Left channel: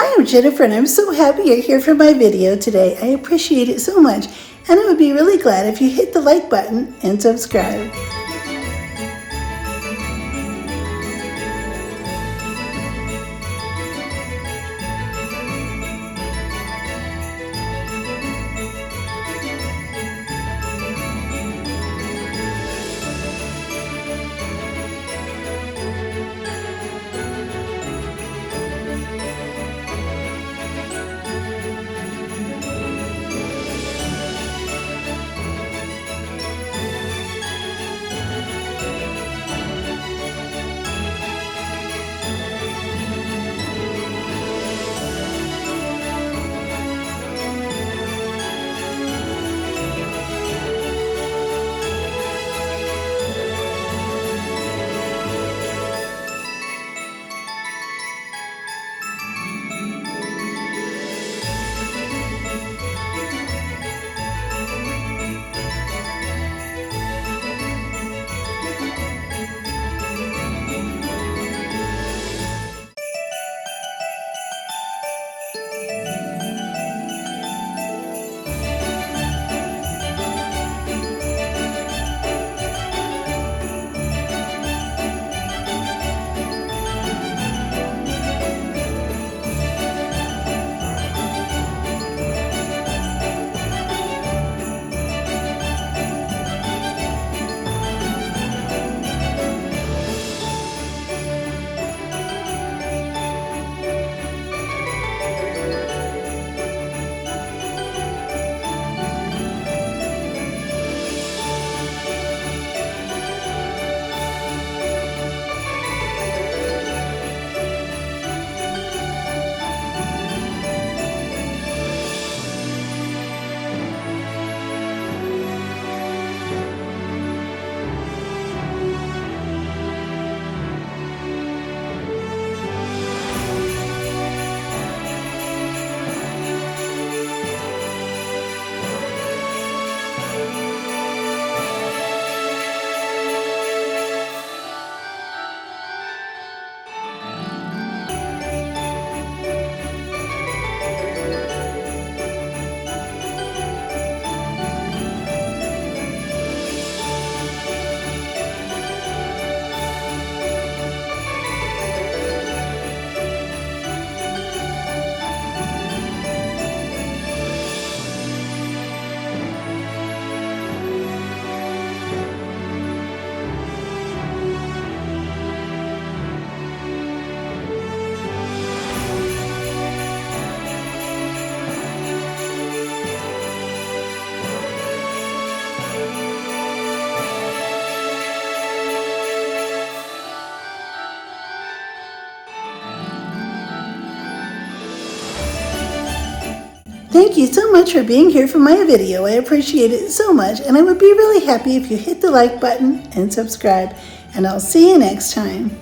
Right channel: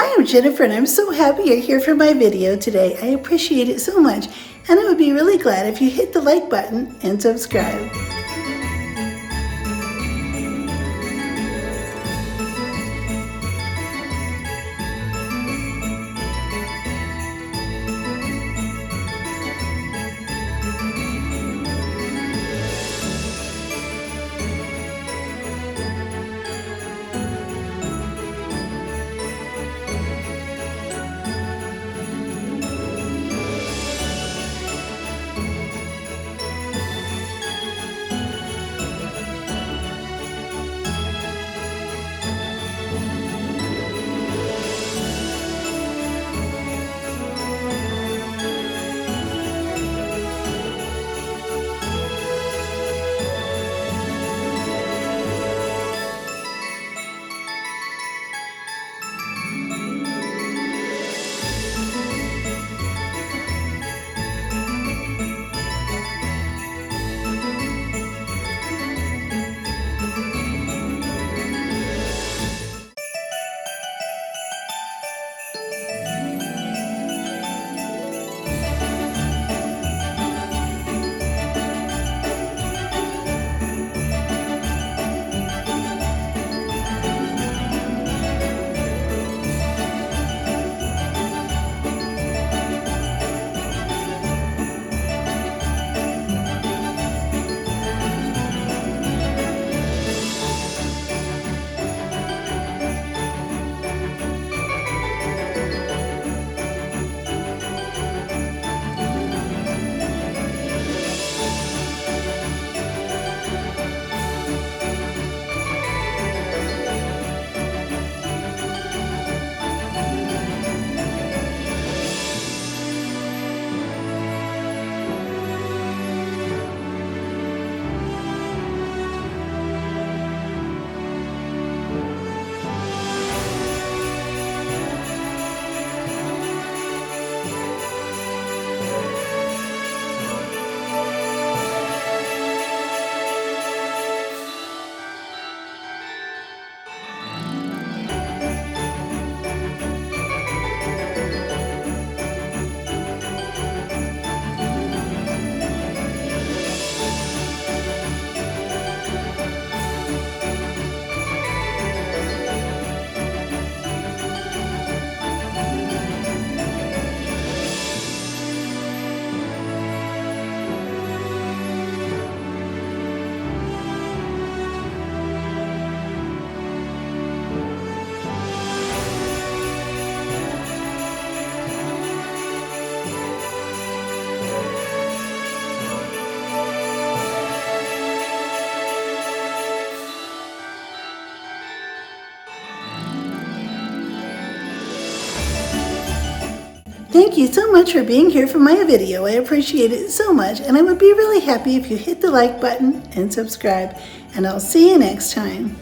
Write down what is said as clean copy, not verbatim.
Hi, I'm Jennifer, and I'm so happy you're here for my video today. I appreciate it so much, and I would be really glad if you hit the like button and subscribe. Thank you so much for being here for my video. I appreciate it so much, and I would be really happy if you hit the like button and subscribe, and I'll see you next time.